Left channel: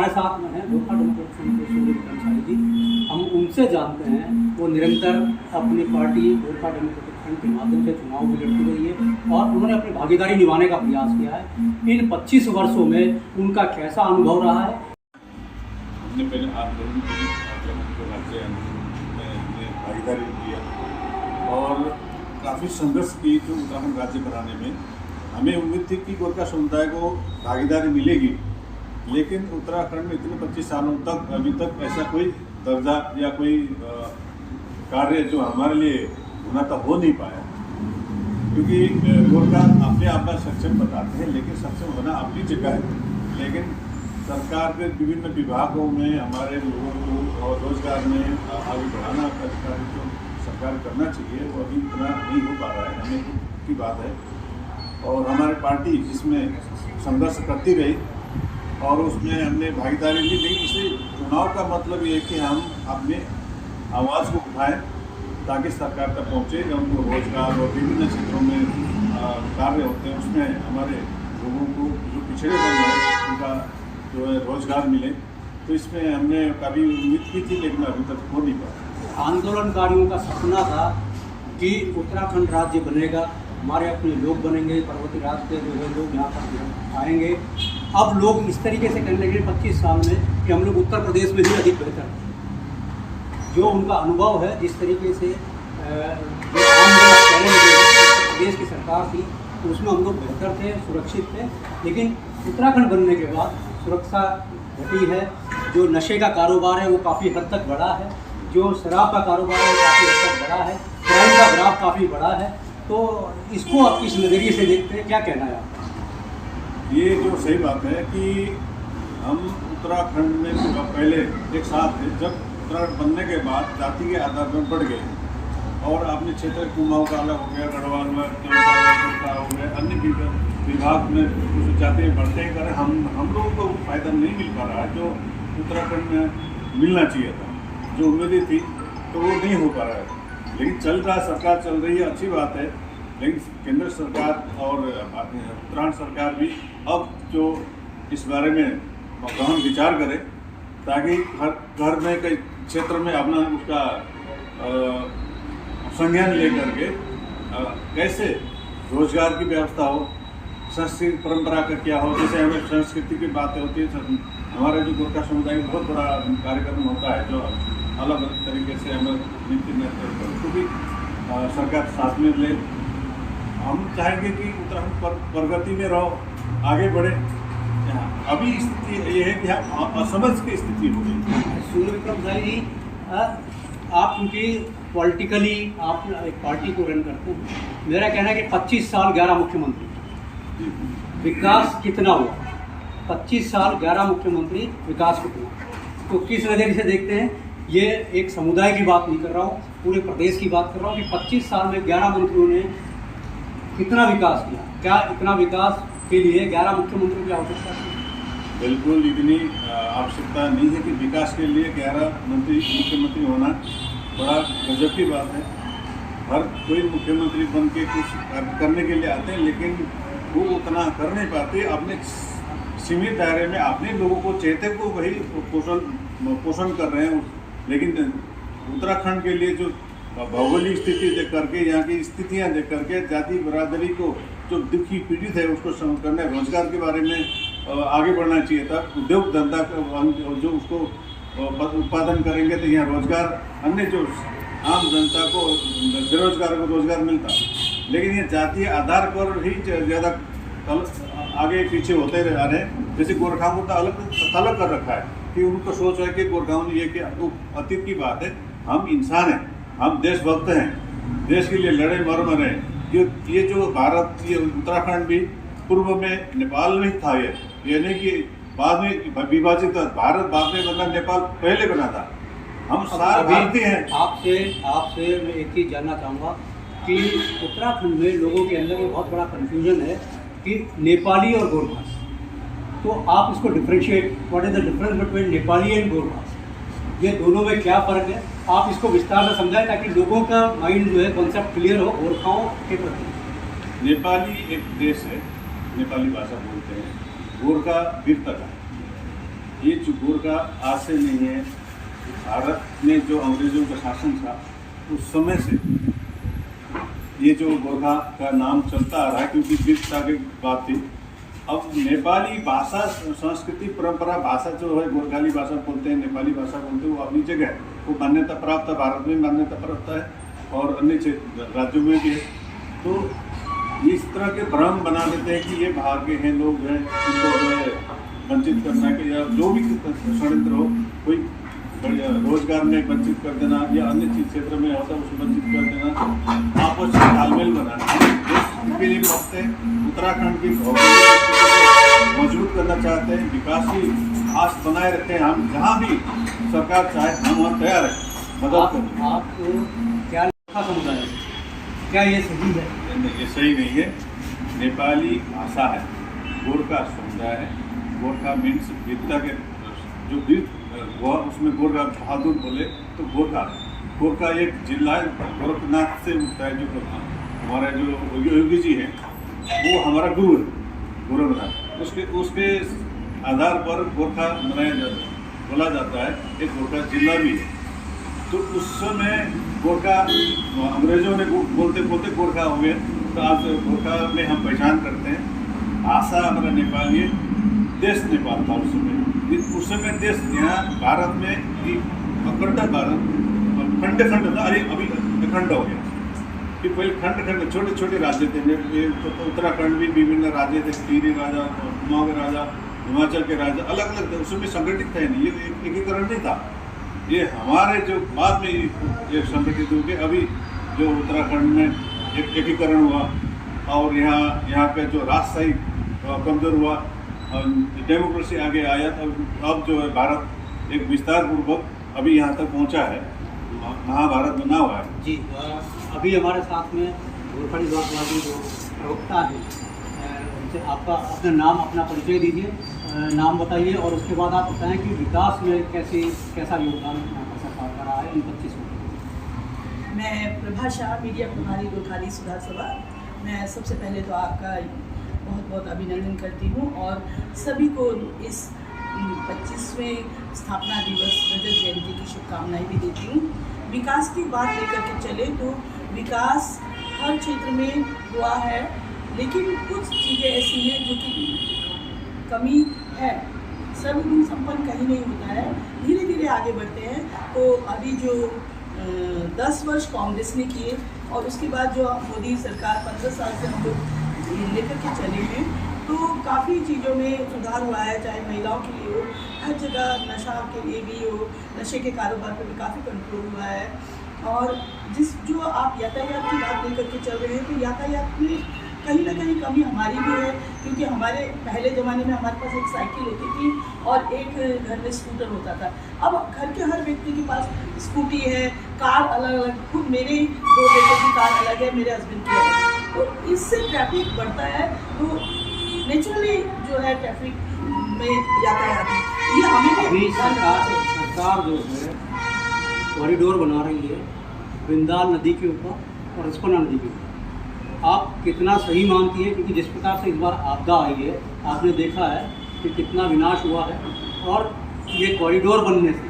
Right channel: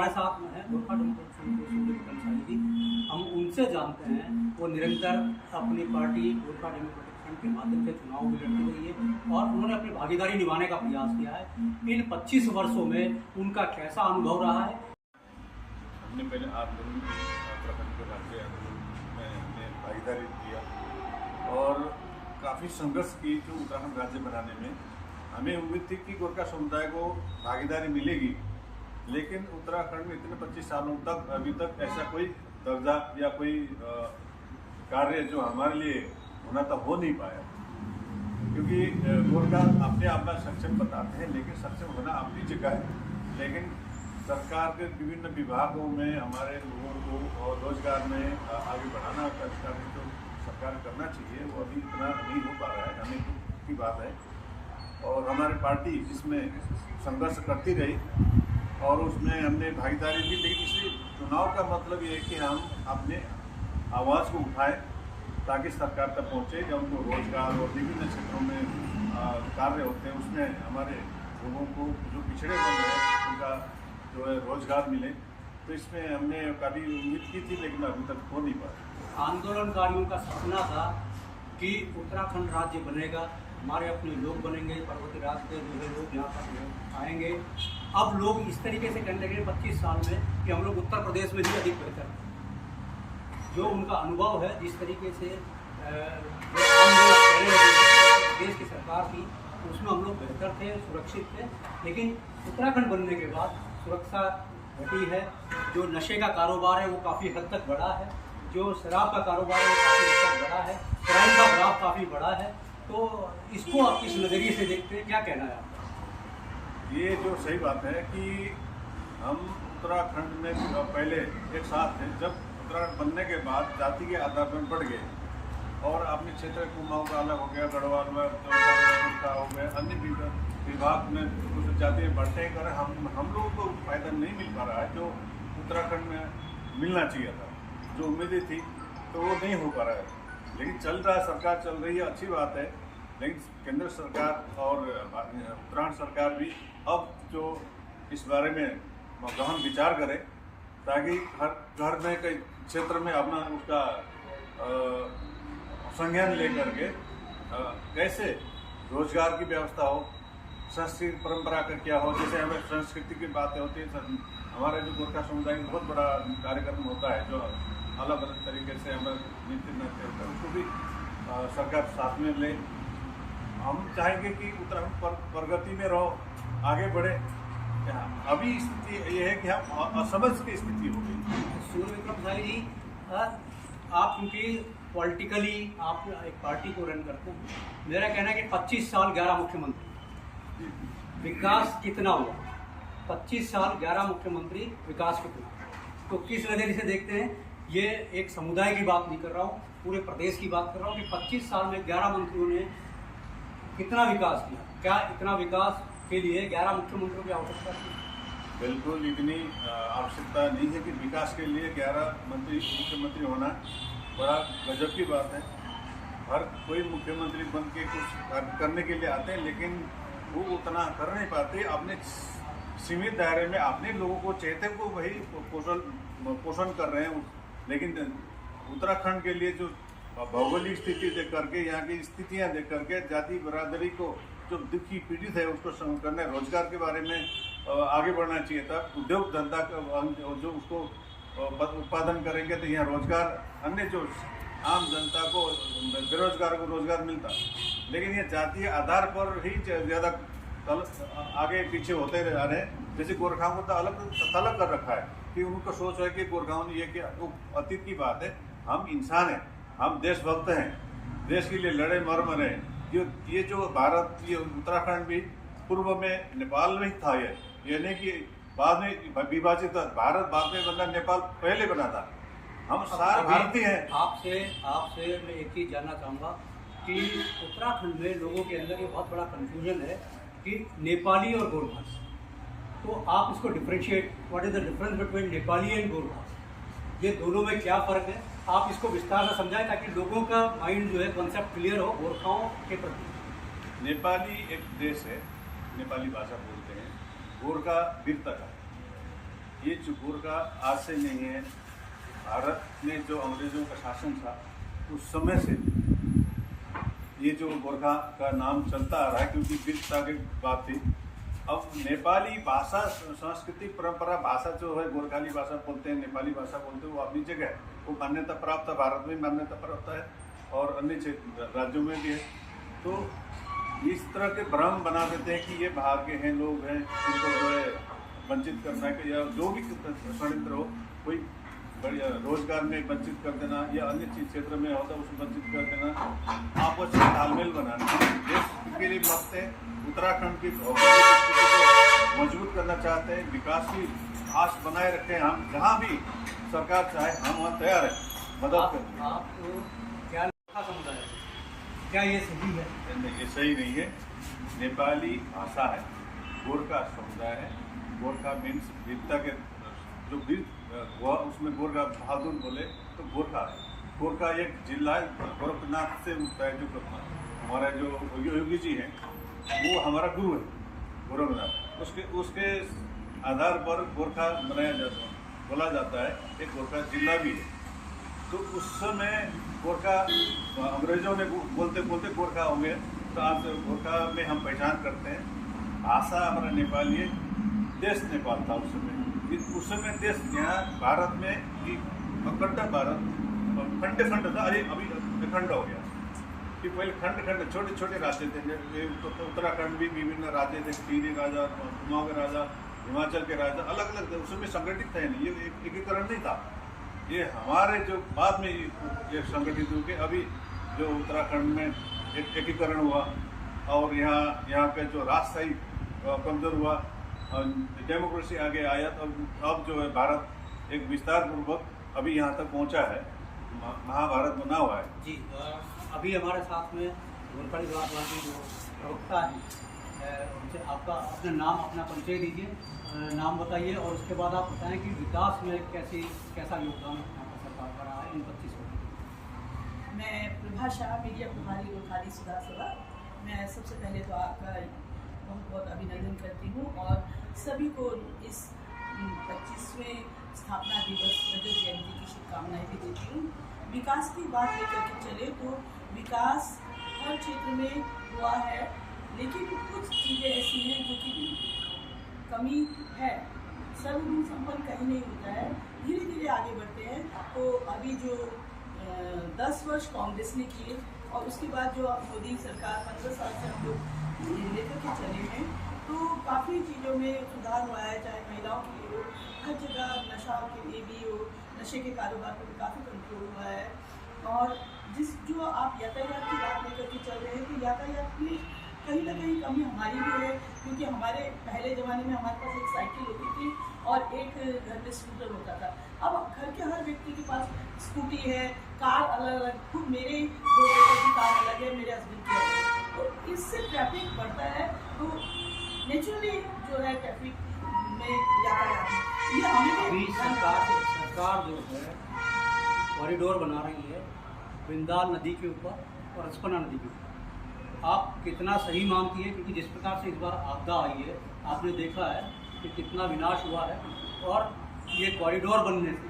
हमारे साथ में हैं गोरखा डेमोक्रेटिक फ्रंट के सूर्य विक्रम शाही जी। हम उनसे जानते हैं, वो निरंतर अपनी पार्टी गोरखा डेमोक्रेटिक फ्रंट के माध्यम से चुनाव भी लड़ती रही है और उन्होंने अपनी भागीदारी निभाने का प्रयास किया है। इन 25 वर्षों में उनका कैसा अनुभव रहा है? हमने पहले आप लोगों की भागीदारी किया और काफ़ी संघर्ष की जो उत्तराखंड राज्य बनाने में। हमें उम्मीद थी कि गोरखा समुदाय को भागीदारी मिलेगी, लेकिन उत्तराखंड में इतने 25 सालों तक अभी तक ऐसा कोई दर्जा या कोई कार्य जो हमारे लिए होना था हो नहीं पाया। क्योंकि गोरखा अपने आप में सक्षम बताते हैं, लेकिन सक्षम होना अपनी जगह है। लेकिन सरकार के विभिन्न विभागों में हमारे लोगों को और रोजगार में आगे बढ़ाना जो सरकार करना चाहिए वो अभी इतना नहीं हो पा रहा है। हमें की बात है और हमारी पार्टी इसमें संघर्ष करती रही और उसमें हमने भागीदारी ली। लेकिन इसे चुनाव का मतलब ये है कि हम अपने आवाज़ को उठाएं ताकि सरकार तक पहुँचे, उनको रोजगार और विभिन्न क्षेत्रों में कार्य होते हैं उसमें हमारे लोगों को जो पिछड़े वर्ग हैं उनका जो है रोजगार मिले। तो इसमें हमने काफ़ी उम्मीद की थी, लेकिन अभी तक हो नहीं पाया। आंदोलनकारियों का सपना था कि उत्तराखंड राज्य बनेगा, हमारे अपने लोग बनेंगे, पर्वतीय राज्य के जो है लोग यहाँ पर आएंगे। अब लोग इस तरीके से कहने लगे 25 साल में कि हम लोग उत्तर प्रदेश में ही अधिक बेहतर हैं। जो उनका अनुभव है, जिस तरीके से जो आंदोलन कहने लगे उत्तर प्रदेश की सरकार थी उसमें हम लोग बेहतर थे, सुरक्षित थे। लेकिन उत्तराखंड बनने के बाद सुरक्षा घटी है, जो नशे का कारोबार है वो काफ़ी हद तक बढ़ा है, जो शराब का कारोबार है वो काफ़ी हद तक बढ़ा है, क्राइम का ग्राफ काफ़ी बढ़ा है। तो इसको आप किस नज़रिए से देखते हैं, क्या कहना है आपका? ये जो सही बात है कि हम उत्तराखंड में पहले एक साथ थे, जब उत्तराखंड बनने के बाद जाति के आधार पर बढ़ गए और अपने क्षेत्र कुमाऊं का अलग हो गया, गढ़वाल हो गया, अन्य विभाग में कुछ जाते बढ़ते हैं करें। हम लोगों को फायदा नहीं मिल पा रहा है जो उत्तराखंड में मिलना चाहिए था, जो उम्मीदें थी तो वो नहीं हो पा रहा है। लेकिन चल रहा है, सरकार चल रही है, अच्छी बात है। लेकिन केंद्र सरकार और उत्तराखंड सरकार भी अब जो इस बारे में गहन विचार करे ताकि हर घर में कई क्षेत्र में अपना उसका संज्ञान लेकर के कैसे रोजगार की व्यवस्था हो, संस्कृति परंपरा का क्या हो। जैसे हमें संस्कृति की बातें होती है, हमारे जो गोरखा समुदाय में बहुत बड़ा कार्यक्रम होता है जो अलग अलग तरीके से हमें नीति निर्णय उसको भी सरकार साथ में ले। हम चाहेंगे कि उत्तराखंड प्रगति में रहो, आगे बढ़े। अभी स्थिति ये है कि हम असमझ की स्थिति हो गई। सूर्य विक्रम शाही जी, आप क्योंकि पॉलिटिकली आप एक पार्टी को रन करते हैं, मेरा कहना है कि 25 साल 11 मुख्यमंत्री, विकास कितना हुआ? 25 साल 11 मुख्यमंत्री, विकास कितना? तो किस नज़रिए से देखते हैं? ये एक समुदाय की बात नहीं कर रहा हूँ, पूरे प्रदेश की बात कर रहा हूँ कि 25 साल में 11 मंत्रियों ने कितना विकास किया? क्या इतना विकास के लिए 11 मुख्यमंत्रियों की आवश्यकता थी? बिल्कुल इतनी आवश्यकता नहीं है कि विकास के लिए 11 मुख्यमंत्री होना बड़ा गजब की बात है। हर कोई मुख्यमंत्री बन के कुछ करने के लिए आते हैं, लेकिन वो उतना कर नहीं पाते। अपने सीमित दायरे में अपने लोगों को चेहते को वही पोषण कर रहे हैं। लेकिन उत्तराखंड के लिए जो भौगोलिक स्थिति देख करके, यहाँ की स्थितियाँ देख करके, जाति बरादरी को जो दुखी पीड़ित है उसको करने, रोजगार के बारे में आगे बढ़ना चाहिए था। उद्योग धंधा जो उसको उत्पादन करेंगे तो यहाँ रोजगार, अन्य जो आम जनता को बेरोजगार को रोजगार मिलता। लेकिन ये जातीय आधार पर ही ज़्यादा आगे पीछे होते रह रहे हैं। जैसे गोरखाओं को तो अलग कर रखा है कि उनको सोच है कि गोरखाओं ने ये कि अतीत की बात है। हम इंसान हैं, हम देशभक्त हैं, देश के लिए लड़े मरे। ये जो भारत, ये उत्तराखंड भी पूर्व में नेपाल में था। ये नहीं कि बाद में विभाजित भारत बाद में बना, नेपाल पहले बना था। हम सारे भारतीय हैं। आपसे मैं एक चीज़ जानना चाहूँगा कि उत्तराखंड में लोगों के अंदर एक बहुत बड़ा कन्फ्यूजन है कि नेपाली और गोरखा। तो आप इसको differentiate, what is the difference between Nepali and Gorkha? ये दोनों में क्या फ़र्क है? आप इसको विस्तार से समझाएं ताकि लोगों का माइंड जो है कॉन्सेप्ट क्लियर हो गोरखाओं के प्रति। नेपाली एक देश है, नेपाली भाषा बोलते हैं। गोरखा वीरता का, ये जो गोरखा आज से नहीं है, भारत में जो अंग्रेजों का शासन था उस समय से ये जो गोरखा का नाम चलता आ रहा है, क्योंकि वीरता की बात थी। अब नेपाली भाषा, संस्कृति, परंपरा, भाषा जो है गोरखाली भाषा बोलते हैं, नेपाली भाषा बोलते हैं, वो अपनी जगह वो मान्यता प्राप्त है, भारत में मान्यता प्राप्त है और अन्य राज्यों में भी है। तो इस तरह के भ्रम बना देते हैं कि ये बाहर के हैं, लोग हैं, इनको जो है वंचित करना के या जो भी षड्यंत्र हो, कोई रोजगार में वंचित कर देना या अन्य चीज क्षेत्र में होता है उसको वंचित कर देना, आपस में तालमेल बनाना। इसके लिए वक्त है उत्तराखंड की भौगोलिक स्थिति को मजबूत करना चाहते हैं, विकास की आस बनाए रखते हैं। हम जहाँ भी सरकार चाहे हम वहाँ तैयार हैं मदद करने। आप क्या गोरखा समुदाय है, क्या ये सही है? ये सही नहीं है। नेपाली भाषा है, गोरखा समुदाय है। गोरखा मीन्स वीरता के जो वीर हुआ उसमें गोरखा बहादुर बोले तो गोरखा है। गोरखा एक जिला है, गोरखनाथ से उठता है। जो हमारा जो योगी जी हैं वो हमारा गुरु है गोरखनाथ, उसके आधार पर गोरखा मनाया जाता है, बोला जाता है। एक गोरखा जिला भी है। तो उस समय गोरखा अंग्रेजों ने बोलते बोलते गोरखा हो गए, तो आज गोरखा में हम पहचान करते हैं। भाषा हमारा नेपाली है, देश नेपाल था उस समय। उस समय देश यहाँ भारत में अखंड भारत खंड खंड था, अभी अखंड हो गया। कि पहले खंड खंड छोटे छोटे राज्य थे। उत्तराखंड भी विभिन्न राज्य थे, टिहरी राजा, कुमाऊं के राजा, हिमाचल के राजा, अलग अलग थे। उसमें संगठित थे नहीं, ये एकीकरण नहीं था। ये हमारे जो बाद में ये संगठित हो गए। अभी जो उत्तराखंड में एक एकीकरण हुआ और यहाँ पे जो राजशाही कमजोर हुआ, डेमोक्रेसी आगे आया, अब जो है भारत एक विस्तार पूर्वक अभी यहाँ तक पहुँचा है, महाभारत बना हुआ है। जी, अभी हमारे साथ में गोरखा समाजवादी जो प्रवक्ता हैं, उनसे आपका अपना नाम, अपना परिचय दीजिए, नाम बताइए और उसके बाद आप बताएं कि विकास में कैसा योगदान यहाँ पर सरकार का रहा है इन 25 वर्षों। मैं प्रभा शाह, मीडिया प्रभारी गोरखाली सुधार सभा। मैं सबसे पहले तो आपका बहुत बहुत अभिनंदन करती हूँ और सभी को इस 25वें स्थापना दिवस रजत जयंती की शुभकामनाएं भी देती हूँ। विकास की बात लेकर के चले तो विकास हर क्षेत्र में हुआ है, लेकिन कुछ चीज़ें ऐसी हैं जो कि कमी है। सर्वगुण संपन्न कहीं नहीं होता है, धीरे धीरे आगे बढ़ते हैं। तो अभी जो 10 वर्ष कांग्रेस ने किए और उसके बाद जो मोदी सरकार 15 साल से हम लोग लेकर के चले हैं, तो काफ़ी चीज़ों में सुधार हुआ है। चाहे महिलाओं के लिए हो, हर जगह नशा के लिए भी हो, नशे के कारोबार पर भी काफ़ी कंट्रोल हुआ है। और जो आप यातायात की बात लेकर के चल रहे हैं, तो यातायात में कहीं ना कहीं कमी हमारी भी है, क्योंकि हमारे पहले ज़माने में हमारे पास एक साइकिल होती थी और एक घर में स्कूटर होता था। अब घर के हर व्यक्ति के पास स्कूटी है, कार अलग अलग, खुद मेरे 2 बेटों की कार अलग है, मेरे हस्बैंड की अलग है। तो इससे ट्रैफिक बढ़ता है, तो नेचुरली जो है ट्रैफिक में यातायात ये हमें अभी सरकार जो है कॉरिडोर बना रही है बिंदाल नदी के ऊपर और रिस्पना नदी के ऊपर। आप कितना सही मानती है? क्योंकि जिस प्रकार से इस बार आपदा आई है, आपने देखा है कि कितना विनाश हुआ है, और ये कॉरिडोर बनने से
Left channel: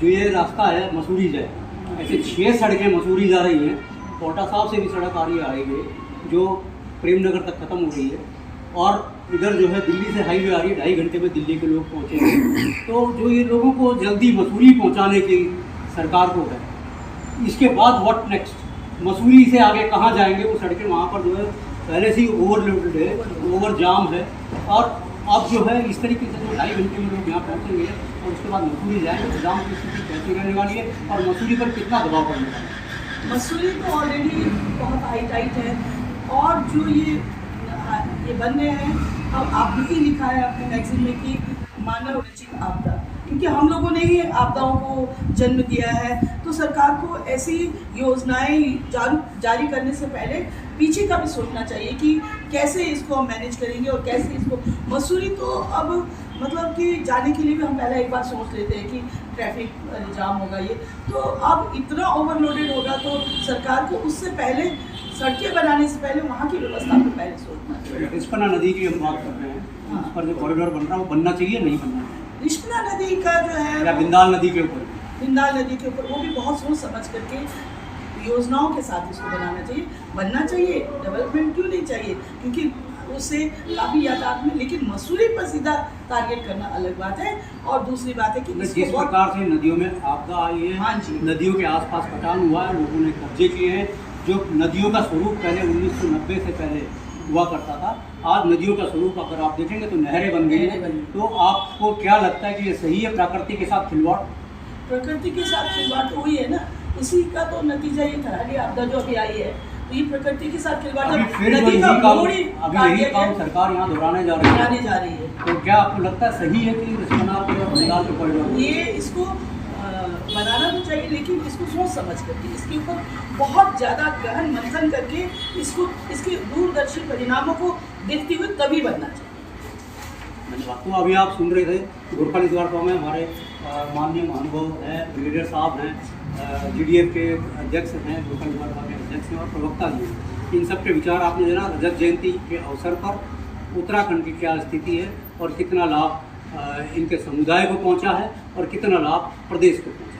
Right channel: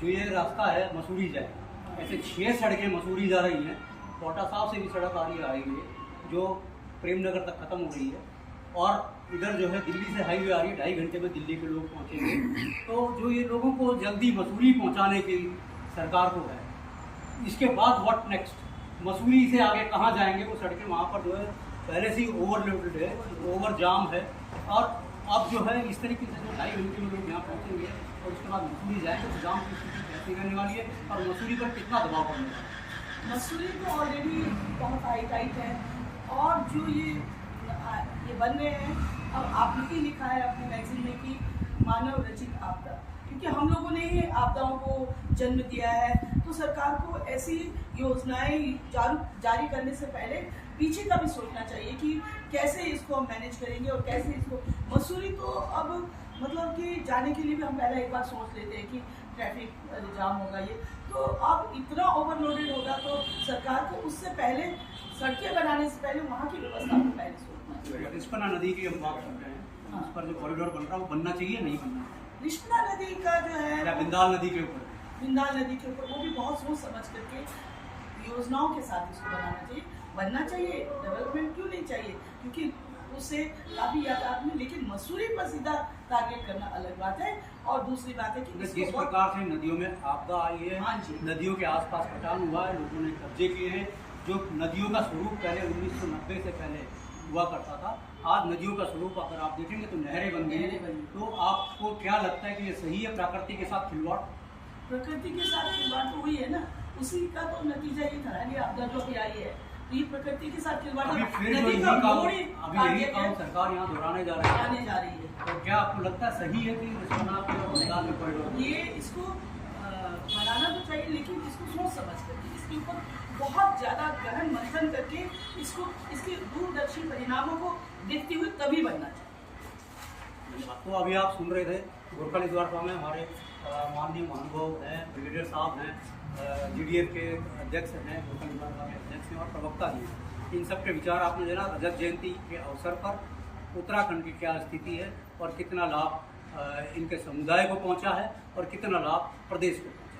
जो ये रास्ता है मसूरी जाए, ऐसे 6 सड़कें मसूरी जा रही हैं। कोटा साहब से भी सड़क आ रही है जो प्रेमनगर तक ख़त्म हो रही है, और इधर जो है दिल्ली से हाईवे आ रही है, 2.5 घंटे में दिल्ली के लोग पहुँचेंगे। तो जो ये लोगों को जल्दी मसूरी पहुँचाने की सरकार को है, इसके बाद व्हाट नेक्स्ट? मसूरी से आगे कहाँ जाएंगे? वो सड़कें वहाँ पर जो है पहले से ही ओवरलोडेड है, ओवर जाम है, और अब जो है इस तरीके से जो 2.5 घंटे में लोग यहाँ पहुँचेंगे और उसके बाद मसूरी जाएंगे, तो जाम की स्थिति कैसी रहने वाली है और मसूरी पर कितना दबाव पड़ने वाला है? मसूरी तो ऑलरेडी बहुत हाई टाइट है, और जो ये बन रहे हैं, अब आपने ही लिखा है अपने मैगजीन में कि मानव रचित आपदा, क्योंकि हम लोगों ने ही आपदाओं को जन्म दिया है। तो सरकार को ऐसी योजनाएं जारी करने से पहले पीछे का भी सोचना चाहिए कि कैसे इसको हम मैनेज करेंगे और कैसे इसको। मसूरी तो अब मतलब कि जाने के लिए भी हम पहले एक बार सोच लेते हैं कि ट्रैफिक जाम होगा ये, तो अब इतना ओवरलोडेड होगा, तो सरकार को उससे पहले सड़कें बनाने से पहले वहाँ की व्यवस्था को पहले सोचना चाहिए। रिस्पना नदी की हम बात कर रहे हैं, उस पर जो कॉरिडोर बन रहा है वो बनना चाहिए नहीं बनना चाहिए? कृष्णा नदी का जो है या बिंदाल नदी के ऊपर? बिंदाल नदी के ऊपर वो भी बहुत सोच समझ करके योजनाओं के साथ इसको बनाना चाहिए, बनना चाहिए। डेवलपमेंट क्यों नहीं चाहिए, क्योंकि उससे काफ़ी यातायात में, लेकिन मसूरी पर सीधा टारगेट करना अलग बात है। और दूसरी बात है कि जिस प्रकार से नदियों में आपदा आई है, हाँ जी, नदियों के आसपास कटान हुआ है, लोगों ने कब्जे किए हैं, जो नदियों का स्वरूप पहले 1990 से पहले हुआ करता था, आज नदियों का स्वरूप अगर आप देखेंगे तो नहरें बन गई हैं। तो आपको क्या लगता है कि ये सही है प्रकृति के साथ खिलवाड़? प्रकृति के साथ खिलवाड़ तो हुई है ना, इसी का तो नतीजा ये थराली आपदा जो अभी आई है, तो ये प्रकृति के साथ खिलवाड़ अभी फिर जो नदी का यही काम, मोड़ ही अभी यही काम सरकार यहाँ दोहराने जा रही है। तो क्या आपको लगता है सही है कि रिस्पना पे और बंगाल पे कॉरिडोर? ये इसको बनाना तो चाहिए, लेकिन इसको सोच समझ करके, इसके ऊपर बहुत ज़्यादा गहन मंथन करके, इसको इसके दूरदर्शी परिणामों को देखते हुए तभी बनना चाहिए। धन्यवाद। तो अभी आप सुन रहे थे गोरखा द्वार में हमारे माननीय महानुभाव हैं, ब्रिगेडियर साहब हैं, GDF के अध्यक्ष हैं, गोरखा द्वार के अध्यक्ष हैं और प्रवक्ता भी हैं। इन सब के विचार आपने देना। रजत जयंती के अवसर पर उत्तराखंड की क्या स्थिति है और कितना लाभ इनके समुदाय को पहुंचा है और कितना लाभ प्रदेश को पहुंचा है।